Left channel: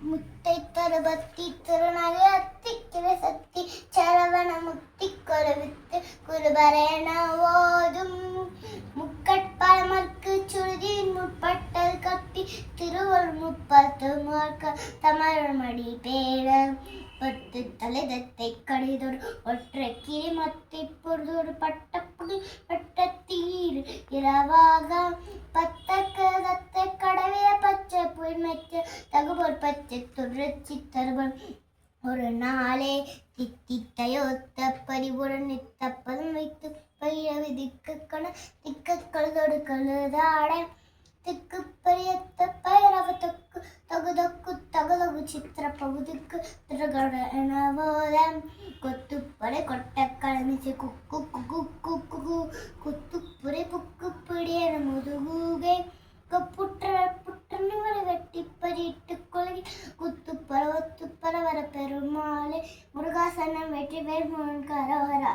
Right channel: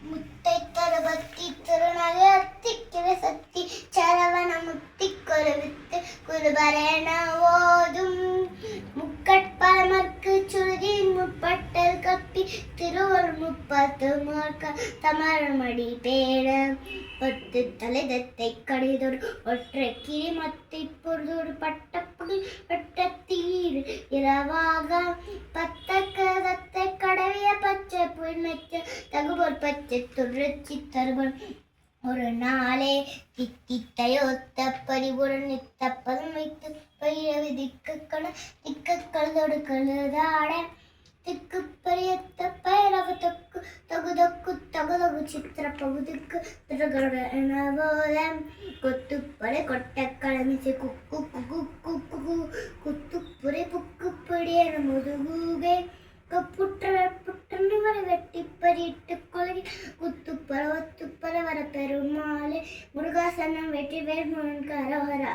முத்தை தருபத்தி திருநகை அத்திக்கிற சக்தி சரவண முத்தி கொலவித்து குருபரேன ஓதும் முக்கட்பரமர்க்கு சுருதியின் முற்பட்டல் கப்பி திருவள் முப்பத்து மார்க்க தமரமடி பேர பத்து தலைதத்தை கடிதொரு ஒற்றை கிரி மத்தி புரிதொரு பட்டப்புடி பட்டத்தீர் இரவாக பத்தக்கத்தை கடவிய பச்சை புல்மெச்ச தகுபோர் பச்சை துரச்சி தருவன் ஒரு நாளே தித்தித்தையொத்த பரிபுரன் நித்தப்பதம் வைத்து பயிரவி திக்கக்களோடு கழுதாட திக்கு பரியத்த பயிரவ தொக்கு தகுதக்கு தகுதகு சித்திர பகுதிக்கு திருகடனவோலம் கொத்துப்படை கொட்ட கலமிச்சு குக்கு குக்கு குக்கு குத்துப்புரை புக்கு பிடியன முதுகுகை புற்றவரை வெட்டி பறிட்டு கொலை குத்துப்பற ஒத்துப்பற வர பெருமாளே முருகாசனம் வெற்றி வேறு கரவரா.